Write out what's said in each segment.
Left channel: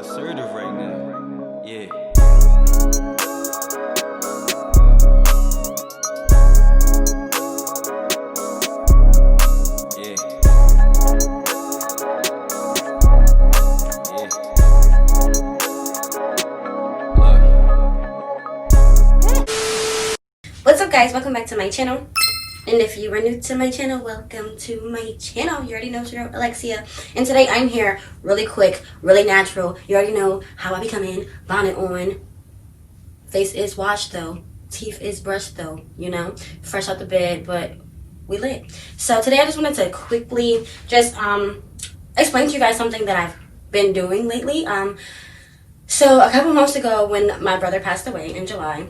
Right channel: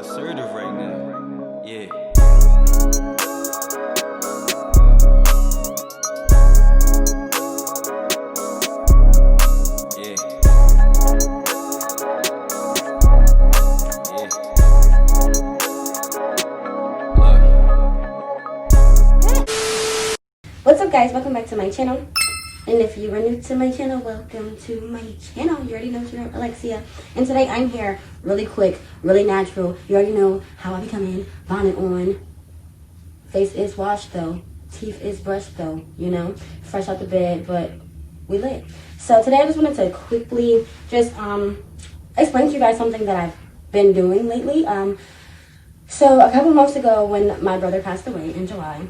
assertive right now. Yeah. Yeah. Yeah. What's up, guys? Welcome back to my channel. And if you are new to my channel, welcome to my channel. You already know it's your girl, Alexia. And today I'm here really quick, really natural. You already know how I be coming. Bonnet on. Face is washed though. Teeth is brushed though. You know, fresh out the bed, but we lit. So today I just wanted to quickly just explain to you guys something that I've been doing lately. So a couple months ago when my brother passed away in July,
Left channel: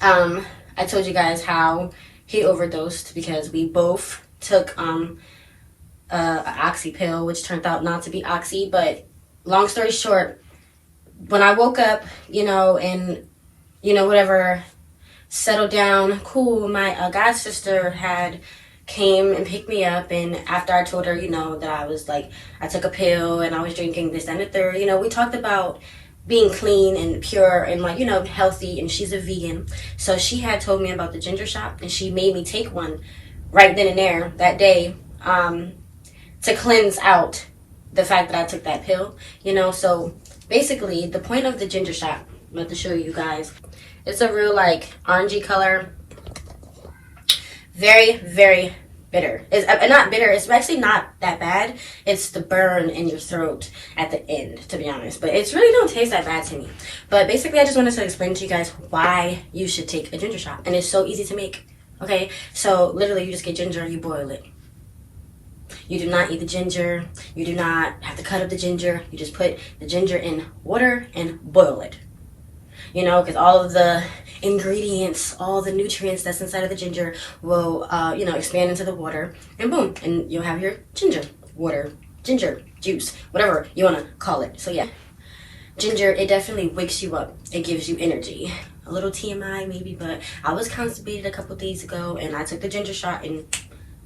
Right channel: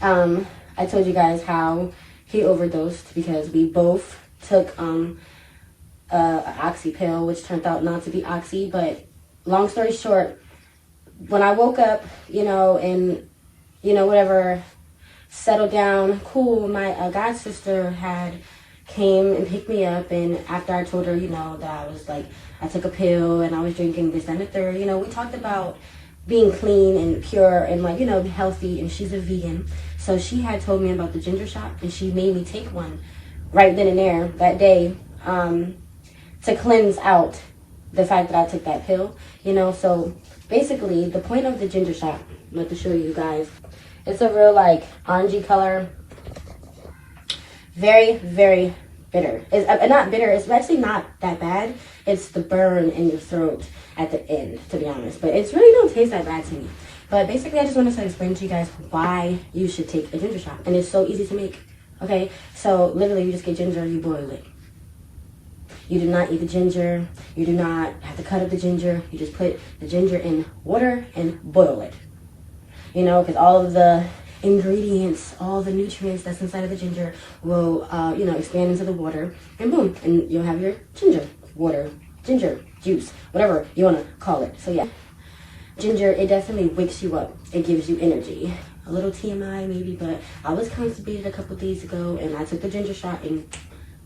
I told you guys how he overdosed because we both took an oxy pill, which turned out not to be oxy. But long story short, when I woke up, and whatever, settled down, cool, my god sister had came and picked me up, and after I told her, that I was like, I took a pill and I was drinking this and the third, we talked about being clean and pure and healthy, and she's a vegan. So she had told me about the ginger shot, and she made me take one right then and there that day to cleanse out the fact that I took that pill, So basically the point of the ginger shot, I'm about to show you guys. It's a real orangey color, very, very bitter. It's not bitter. It's actually not that bad. It's the burn in your throat at the end, to be honest. But it's really don't taste that bad to me. But basically, I just wanted to explain to you guys why you should take a ginger shot. And it's so easy to make. Okay? So literally, you just get ginger and you boil it. You do not eat the ginger. You do not have to cut up the ginger. You just put the ginger in water and boil it. Because all of the ingredients, all the nutrients that's inside of the ginger will, expand into the water, and boom, and you'll have your ginger water, ginger juice, whatever you want to call it. So yeah, ginger, it definitely wakes you up. It gives you energy. A little TMI maybe, but I was constipated a couple days ago, and I took the ginger shot, and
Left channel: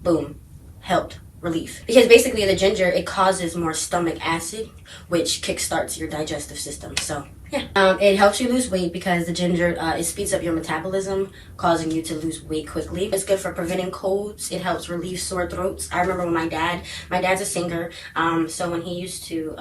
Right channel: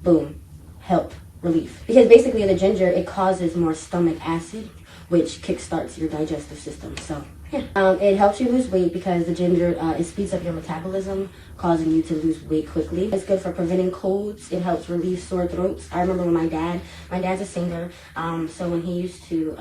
boom, helped. Relief. Because basically the ginger, it causes more stomach acid, which kickstarts your digestive system. So yeah, it helps you lose weight because the ginger, it speeds up your metabolism, causing you to lose weight quickly. It's good for preventing colds. It helps relieve sore throats. I remember when my dad's a singer, so when he used to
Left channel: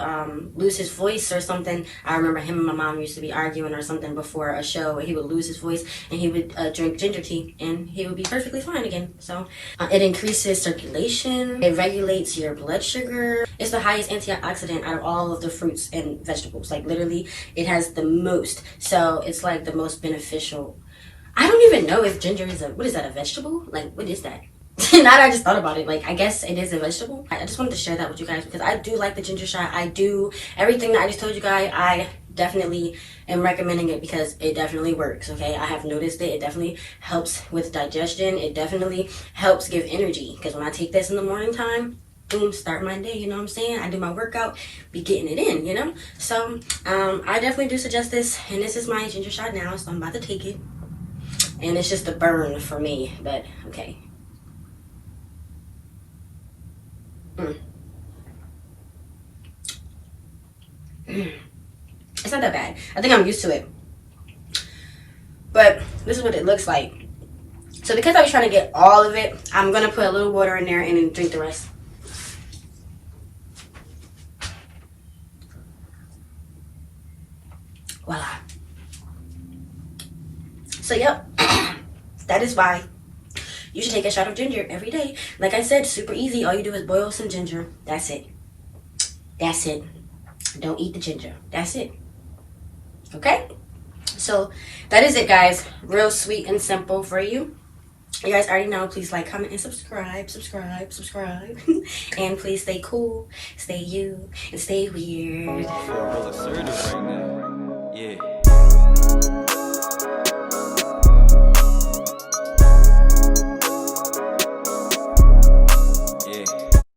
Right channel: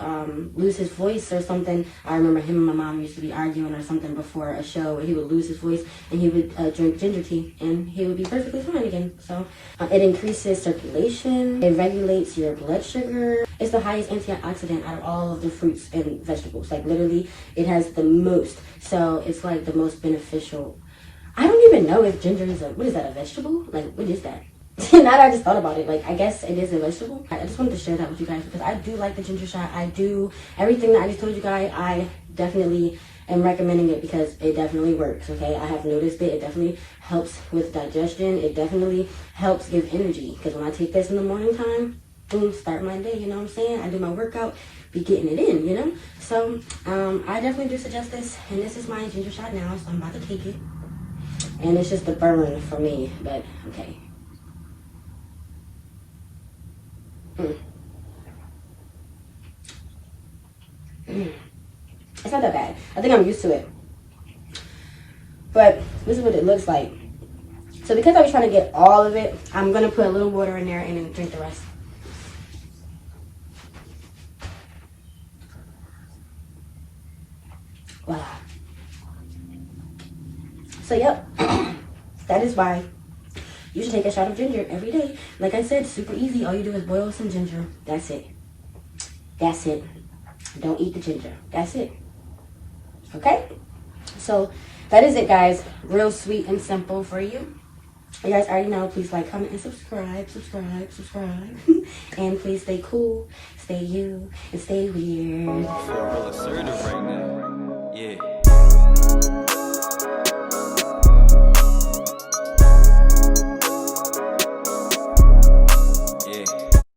lose his voice or something, I remember him and my mom used to be arguing or something before a show. He would lose his voice and he would drink ginger tea and he would be perfectly fine again. So it increases circulation. It regulates your blood sugar. It's the highest antioxidant out of all of the fruits and vegetables. Like literally, it has the most. So it's like the most beneficial. I don't even know if ginger is what is that, a vegetable? Like, what is that? Now that I just thought about it, I guess it is a vegetable. I just wanted to share that with you guys because I do like the ginger shot. I do everything that I just told you guys. I definitely am recommending it because it definitely works, okay? I have noticed it. It definitely helps with digestion. It definitely helps give energy because when I take this in the morning time, boom, start my day, you know what I'm saying? I do my workout, be getting it in, So, I definitely do suggest this, and this is my ginger shot now, so I'm about to take it. And it's just a burn for me, but okay. It's not that bad. I think I'm used to it. But this is what it looks like. So because I was trying to get all of it, I'm going to put a little water in there and then drink the rest. Voila. So yep, that is why you should take a shot of ginger every day. Like I said, super easy. All you do is boil some ginger. That's it. That's it. Don't eat the ginger. That's it. Okay? So that is it, guys. Real sweet and simple for you. You guys already know. Please like, comment, and subscribe. And please stay cool, stay you, and stay weird. I feel real assertive right now. Yeah.